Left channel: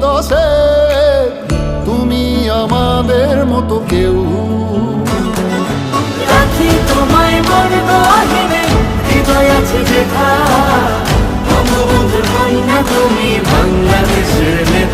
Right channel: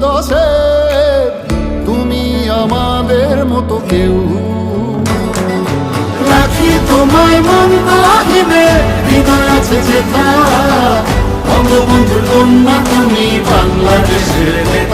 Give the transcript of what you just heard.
দশে তুমি আমাদের মতো কেউ। রাখি তোমায় মন গহীনে, হৃদয় আছে যেথা, বঙ্গবন্ধুর কন্যা তুমি বাংলাদেশের নেতা।